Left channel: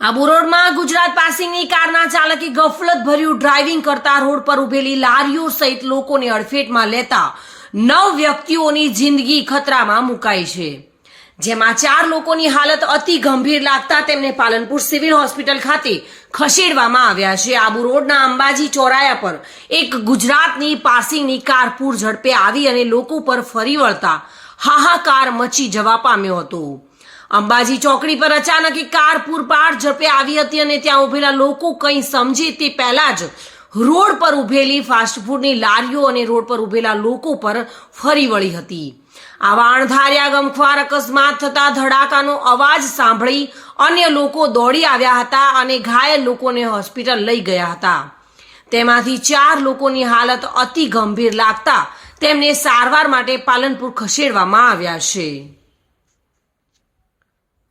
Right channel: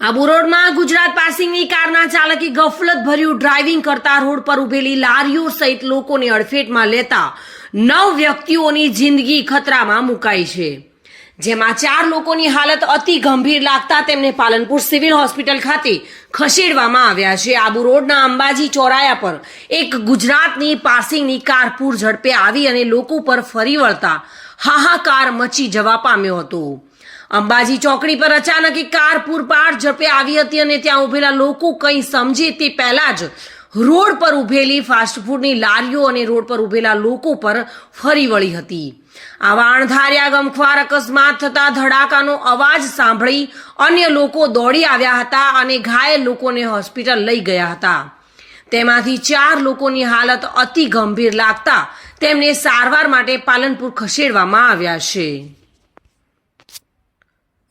આબુ રોડમાં ગુજરાત પાસિંગની કારના ચાલકે ગફલત ભર્યું ડ્રાઇવિંગ કરતા રોડ પર ઉભેલી લારીઓ સહિત લોકોને અડફેટમાં લેતા નવ વ્યક્તિઓની જિંદગી ખતરામાં મુકાઈ છે. જેમાં ચાર લોકોની હાલત અતિ ગંભીર લાગતા તેમને પાલનપુર સિવિલ હોસ્પિટલ ખાતે ખસેડવામાં આવ્યા છે. આબુ રોડના અંબાજી ચોરાયા પર એક ગુજરાતની પાસિંગની કાર પૂર ઝડપે આવી અને લોકો પર ફરી વળતા હાહાકાર મચી જવા પામ્યો હતો. અંબાજી ચોકડી પર અચાનક એક કાર પૂરપાટ ઝડપે આવી હતી અને ત્યાં ઉભેલા લોકો કંઈ સમજે તે પહેલાં જ રોડ પર ઉભેલી ફાસ્ટફૂડની લારીઓ અને રોડ પર ઉભેલા લોકો પર ફરી વળી હતી. આવા અણધાર્યા ગમખ્વાર અકસ્માત થતા ધડાકાનો અવાજ સાંભળી અન્ય લોકો દોડી આવ્યા હતા અને ઘાયલ લોકોને હોસ્પિટલ લઈ ગયા હતા. તેમાંથી ચાર લોકોની હાલત અતિ ગંભીર લાગતા તેમને સારવાર માટે પાલનપુર ખસેડવામાં આવ્યા છે.